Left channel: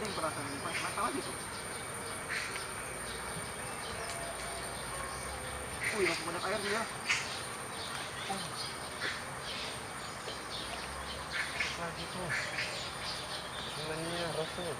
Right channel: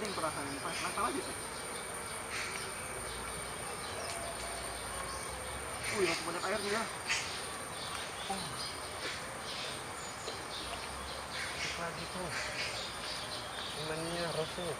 Ada yang perasaan ini pas nakal aja tuh. Wih, masih banyak air nih ya. Oh. Cek lagi tuh. Semennya Rasul.